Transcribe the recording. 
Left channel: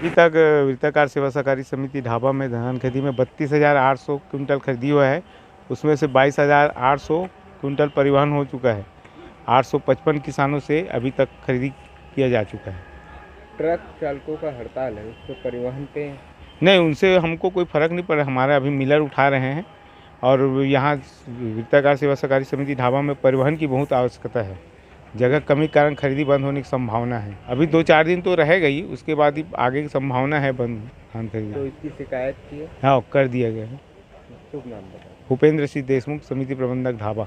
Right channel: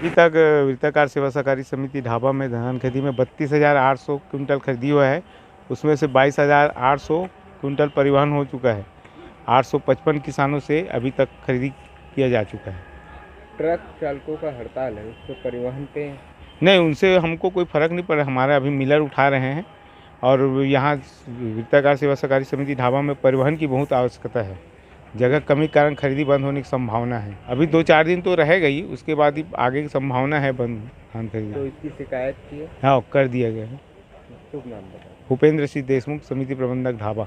अभी तक वृत्ताकार सेवा सहकारी समिति ढाबा में धान खरीदी में 32,800 कुंटल खरीदी हुआ है। उसमें से 22,800 कुंटल परिवहन हो चुका है। 855 किसानों से अभी तक खरीदी किया जा चुका है। ट्रक चालकों का हड़ताल है, उससे परिवहन पे नहीं, उनसे हमको कोई फ़र्क नहीं पड़ा। हमारा अभी मिलर उठा रहे हैं और यहाँ वृत्ताकार सेवा सहकारी समिति ढाबा में परिवहन की बहुत आवश्यकता है। जगह कमी के कारण खरीदी बंद होने की संभावना है। अभी 2-4 दिन तो रहेगा ही, उसके बाद ही आगे की संभावना है बंद धान खरीदी। तो इसकी शिकायत की है? हाँ, कर दिया गया है। शुभ नाम बताओ। भूपेंद्र सिंह देशमुख, समिति प्रबंधक ढाबा।